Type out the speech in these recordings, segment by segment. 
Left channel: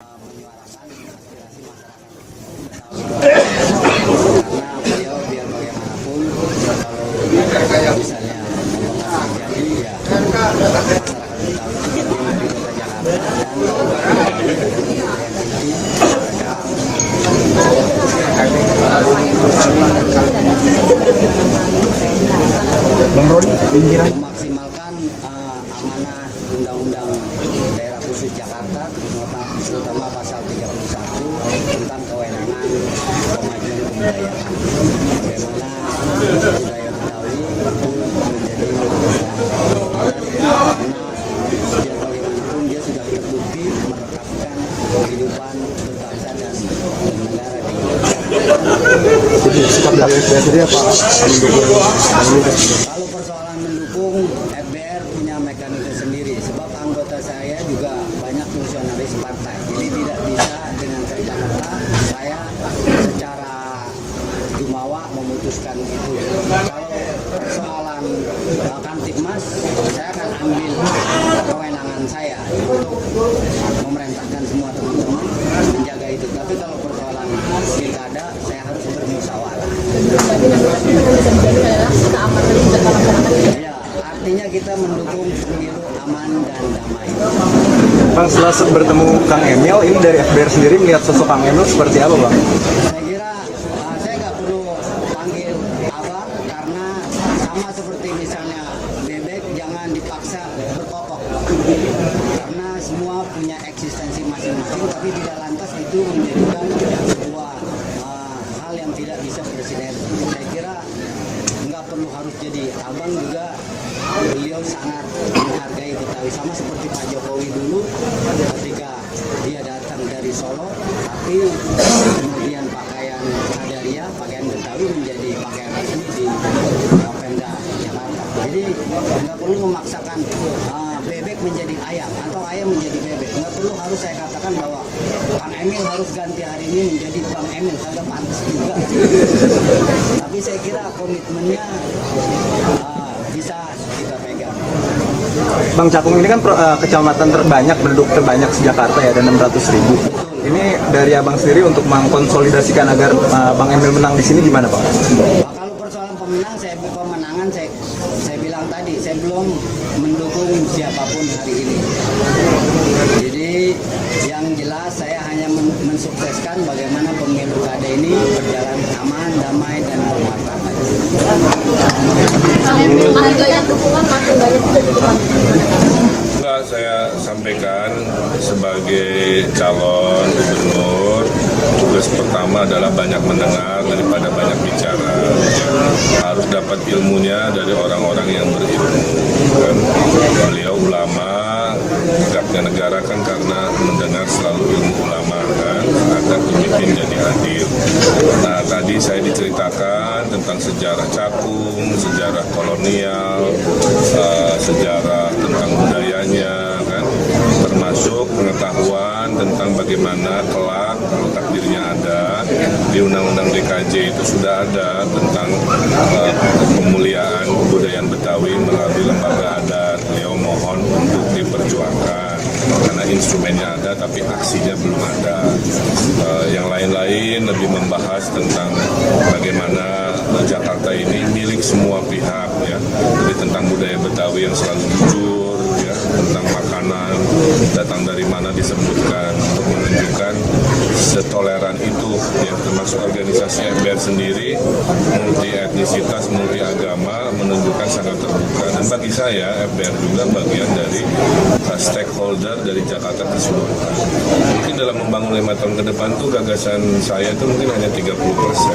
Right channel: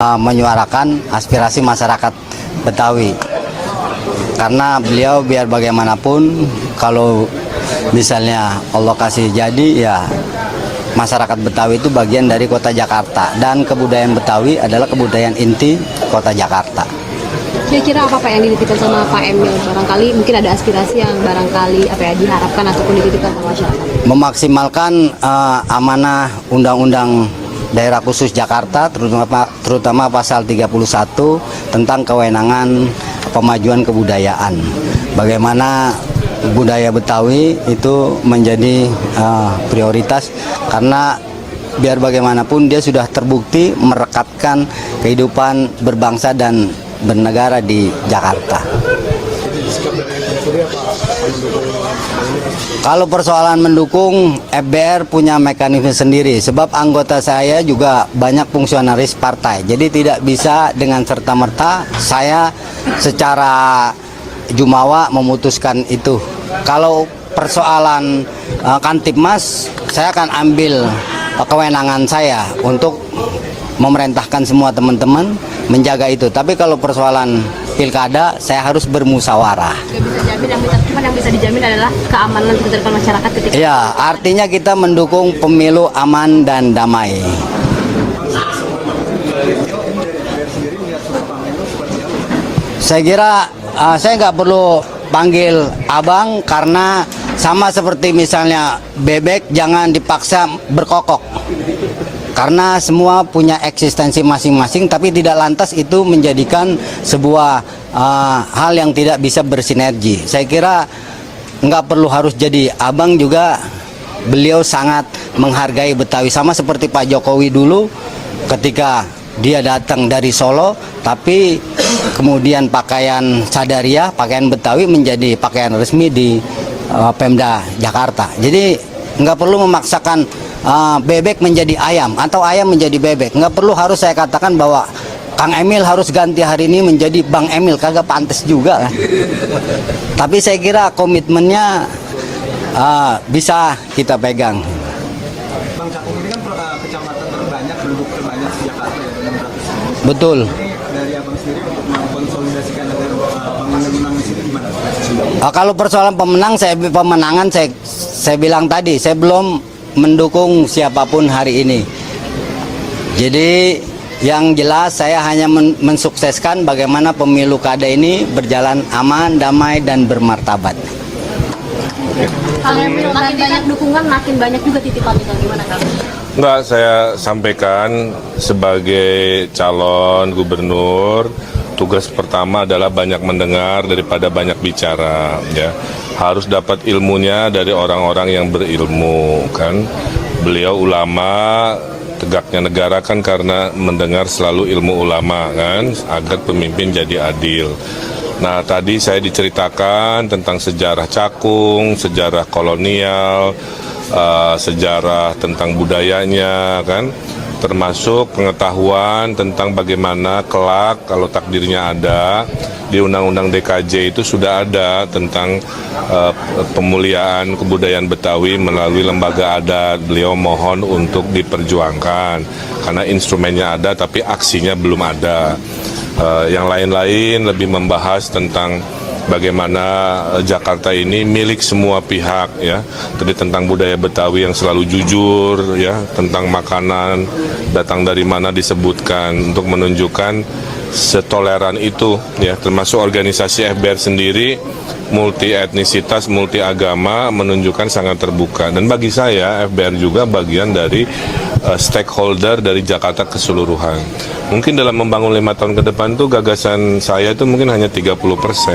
menyuarakan aspirasi masyarakat Betawi. Karena beliau biar bagaimanapun kalau misalnya Allah kasih jadi ya masyarakat Betawi itu bagian dari kota Jakarta dan kebudayaan Betawi adalah kebudayaan inti kota Jakarta. Kira-kira apa Pak yang diinginkan sama Pak Emil? Barangkali mungkin ada aspirasi yang barangkali apa ya diharapkan atau diinginkan sama masyarakat. Memaksimalkan amanah Undang-Undang Daerah Khusus Jakarta terutama pasal 31 tentang kewenangan pemajuan kebudayaan. Bagaimana budaya Betawi itu menjadi prioritas karena biar bagaimanapun dia sudah terbukti merekatkan kehidupan berbangsa dan bernegara di Jakarta. Kalau persoalan mendukung, FBR punya mekanisme sendiri sebab anggota saya juga banyak fungsionaris partai. Jadi tidak bisa dengan serta-merta saya secara jumawa memutuskan itu. Kalau persoalan Kantipmas, saya akan ambil kewenangan saya untuk memerintahkan semua teman-teman menjaga itu. Tapi kalau persoalan pilkada, saya harus bermusyawarah. Yang bisa dijamin adalah keamanan kesejahteraan masyarakat. Ya, artinya kita mendukung pemilu aman dan damai. Bang, setelah bertemu Kang Emil, ini dari FBR sendiri melihat sosok Kang Emil seperti apa, Bang? Saya kira saya nggak perlu panggil abang karena sama seperti misalnya bebek jangan dipaksa berkokok. Karena semua punya eksistensi masing-masing, tapi tidak lantas itu menjadikan sebuah hal yang tidak bisa bersinergi. Saya kira nggak perlu harus jadi abang juga. Beliau sangat menghargai Betawi sama seperti Pak Jokowi dulu ketika dia datang dari Solo, tapi kemudian pakaian sadaria, pakaian Betawi menjadi pakaian resmi di Pemda Jakarta. Jadi nggak perlu memaksakan bebek menjadi ayam atau ayam menjadi bebek. Nggak perlu harus saya katakan bahwa Kang Emil harus ganti hari ini menjadi Bang Emil, kagak pantas juga kan. Tapi saya kira komitmennya bisa kita pegang. Bang, Cakung ini kan kecamatan terbanyak, penduduk terbanyak di Jakarta ya, ada 600.000. Betul. Ini dari abang sendiri untuk mengkonsolidasikan agar Bang Emil menang di sini gimana, Bang? Kalau persoalan pemenangan saya bilang tadi, saya belum mendukung siapapun hari ini. Jadi yang jelas saya hanya mensukseskan bagaimana pemilu kada ini berjalan aman, damai, dan bermartabat. Makin banyak dukungan, makin banyak juga titipan. Enggak, saya sampaikan sebagai calon gubernur, tugas pertama adalah banyak mendengar daripada banyak bicara. Ya. Harus dapat ilmunya dari orang-orang yang berilmu. Kan? Beliau ulama, tegaknya negara kan karena mendengar selalu ilmu ulama kan, agar pemimpin jadi adil. Nah tadi saya diceritakan tentang sejarah Cakung, sejarah kolonial, sejarah tentang budayanya kan, termasuk pengetahuan tentang bagaimana kelak kalau takdirnya ada di Undang-Undang DKJ itu sudah ada tentang pemuliaan kebudayaan Betawi melalui lembaga adat. Beliau mohon untuk diperjuangkan karena instrumennya ada tapi aksinya belum ada. Yang lain-lain lebih membahas tentang bagaimana Jakarta ini milik semua pihak ya. Jadi tentang budaya Betawi yang selalu jujur ya, tentang makanan datang dari mana disebutkan untuk menunjukkan setoleran itu ya, termasuk organisasi FBR sendiri multi etnisitas, multi agama menunjukkan sangat terbuka. Dan bagi saya FBR juga bagian dari stakeholder dari Jakarta keseluruhan. Mungkin dalam membangun 5 tahun ke depan tuh gagasan saya itu mungkin hanya 30%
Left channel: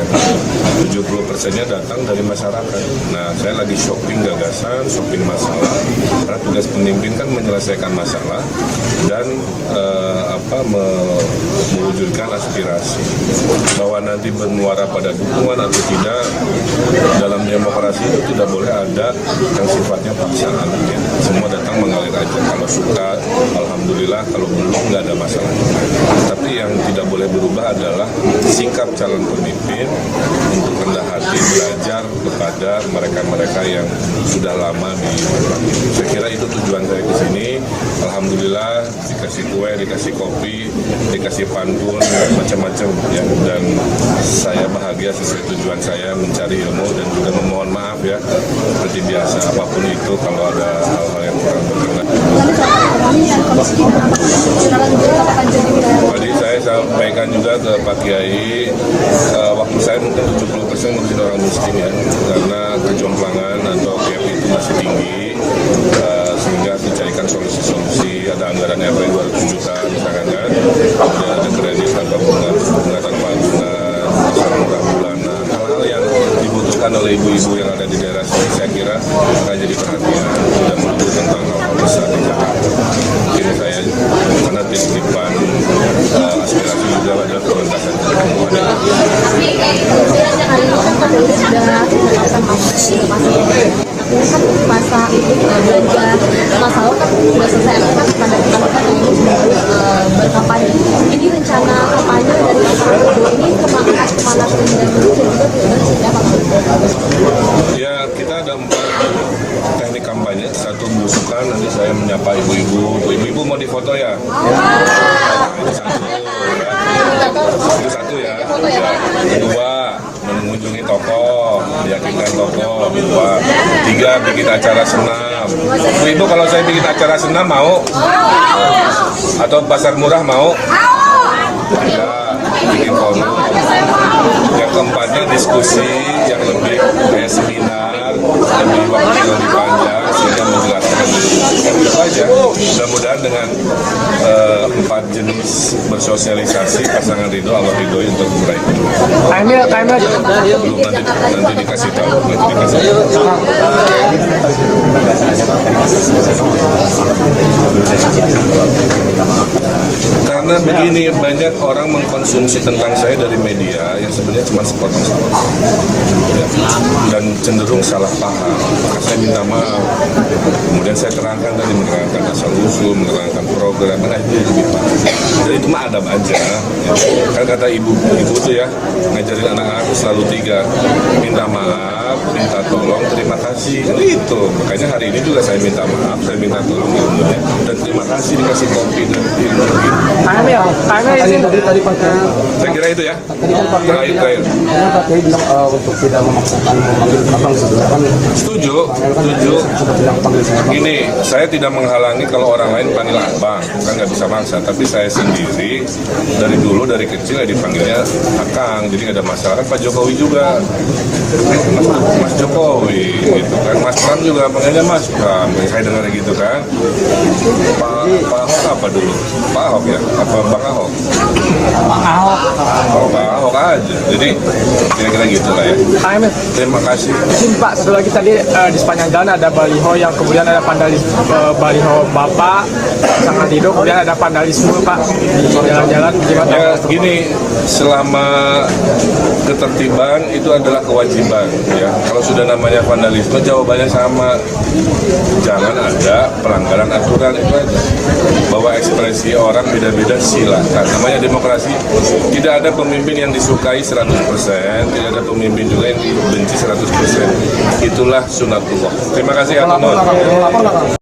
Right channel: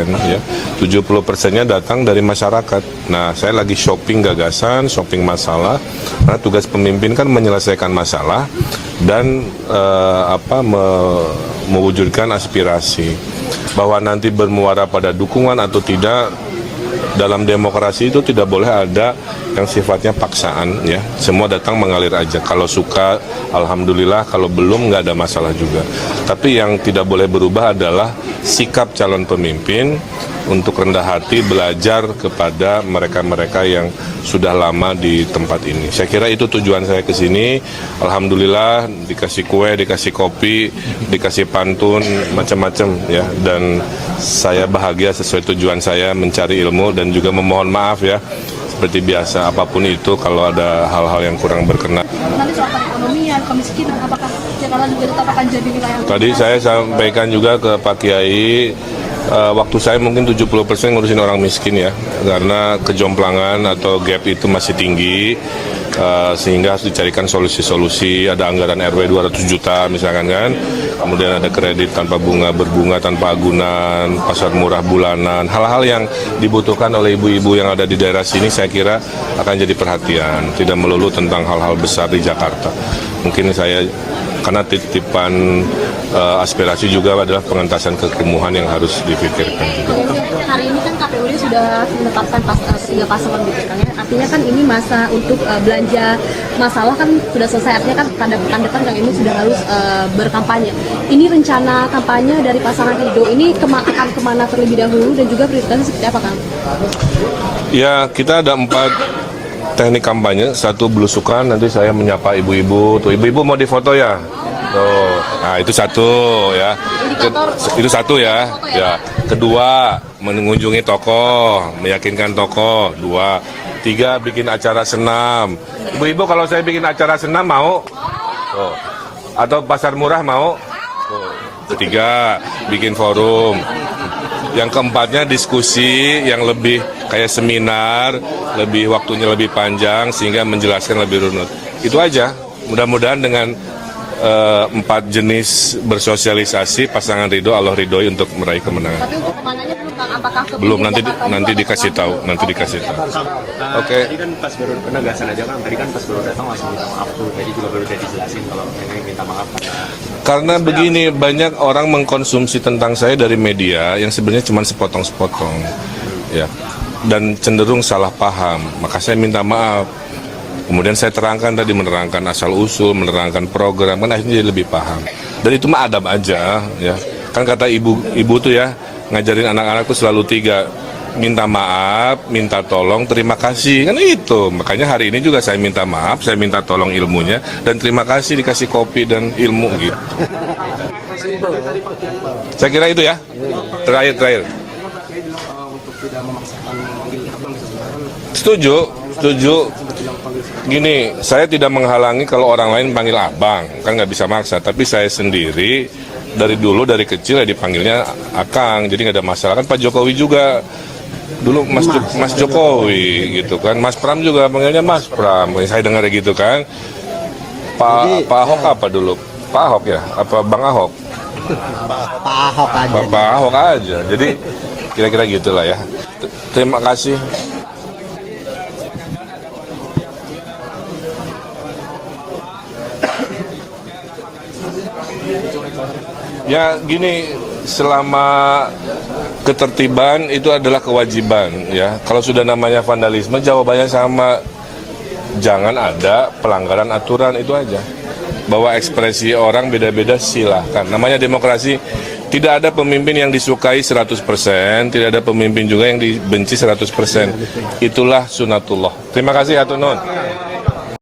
ya. 70%-nya datang dari masyarakat. Nah, saya lagi shopping gagasan, shopping masalah. Karena tugas pemimpin kan menyelesaikan masalah dan mewujudkan aspirasi. Bahwa nanti bermuara pada dukungan atau tidak, dalam demokrasi itu tidak boleh ada yang sifatnya paksaan ya. Semua datang mengalir aja. Kalau suka, alhamdulillah. Kalau belum, nggak ada masalah juga. Tapi yang tidak boleh berubah adalah sikap calon pemimpin untuk rendah hati belajar kepada mereka-mereka yang sudah lama di tempat ini. Saya kira itu tujuan saya ke sini. Alhamdulillah dikasih kue, dikasih kopi, dikasih pantun, macam-macam ya. Dan saya bahagia sesuai tujuan saya mencari ilmu dan juga memohon maaf ya. Seperti biasa apapun itu kalau ada hal-hal yang kurang berkenan. Tadi saya sampaikan juga ke Pak Kiai, waktu saya mungkin 70% ngurusin orang miskin ya, karena kejomplangan atau gap itu masih tinggi, sehingga harus dicarikan solusi-solusi. Ada anggaran RW 200 juta misalkan kan, kemudian ada kredit tanpa bunga, berbunga tanpa agunan, pasar murah bulanan, hal-hal yang dibutuhkan oleh ibu-ibu yang ada di daerah sini saya kira akan jadi perhatian, tidak melulu tentang hal-hal besar di Jakarta. Mungkin saya, karena titipan aspirasi juga adalah pengentasan kekumuhan yang harus dipikirkan. Hari ini kan KPU sudah menetapkan tiga pasal. Artinya kan ini masa belanja masalah kan sudah selesai. Artinya kan tanda-tanda kan ini sudah harus berkampanye. Ini rencana kampanye dari pasangan itu ini kemana terlebih dahulu dan juga dan seperti apa kan? Ya, kita ada 4 teknik kampanye. Satu belusukan, nanti saya menyapa ibu-ibu. Tuh, ibu-ibu mau difoto ya? Nah, itu satu ya. Itu satu ya. Ya. Kedua, mengunjungi toko, meyakinkan toko. 2, 3, bikin acara senam. Ibu-ibu kalau saya bikin acara senam mau? Atau pasar murah mau? 3, bikin forum. Yang keempatnya diskusi yang lebih kayak seminar, lebih waktunya lebih panjang sehingga menjelaskan lebih runut. Itu aja. Mudah-mudahan dengan 4 jenis bersosialisasi pasangan ridho, Allah ridhoi untuk meraih kemenangan. Belum, nanti dikasih tahu, Oke. Karena begini, banyak orang mengkonsumsi tentang saya dari media yang sebenarnya cuma sepotong-sepotong ya, dan cenderung salah paham. Maka saya minta maaf. Kemudian saya terangkan tadi, menerangkan asal-usul, menerangkan program, kan akhirnya lebih paham. Dan itu mah adab aja ya. Kan kata ibu tuh ya, ngajarin anak-anak tuh selalu 3, minta maaf, minta tolong, terima kasih, kan itu. Makanya hari ini juga saya minta maaf, saya minta tolong ilmunya, dan terima kasih dikasih kopi dan ilmu gitu. Saya kira itu ya. Terakhir. Setuju. Gini, saya tidak menghalangi kalau orang lain panggil abang, kan nggak bisa maksa. Tapi saya sendiri dari dulu, dari kecil ya dipanggilnya akang, jadi nggak ada masalah. Kan Pak Jokowi juga dulu Mas Jokowi gitu kan, Mas Pram juga panggilnya Mas Pram. Saya dengar gitu kan. Pak Ahok apa dulu? Pak Ahok ya? Apa Bang Ahok? Bang Ahok aja. Jadi kira-kira gitulah ya. Terima kasih. Pak, satu lagi tadi di sepanjang jalan ada baliho yang kemudian ada baliho Bapak sangat hidup, kemudian ada vandalisme Pak di jalan-jalan. Ya gini, selama ketertiban itu adalah kewajiban ya. Kalau sudah namanya vandalisme, jawabannya sama. Jangan ada pelanggaran aturan, itu aja. Bahwa ekspresi orang beda-beda silakan. Namanya demokrasi, tidak ada pemimpin yang disukai 100%, tidak ada pemimpin juga yang dibenci 100%. Itulah sunatullah. Terima kasih, Hatunun.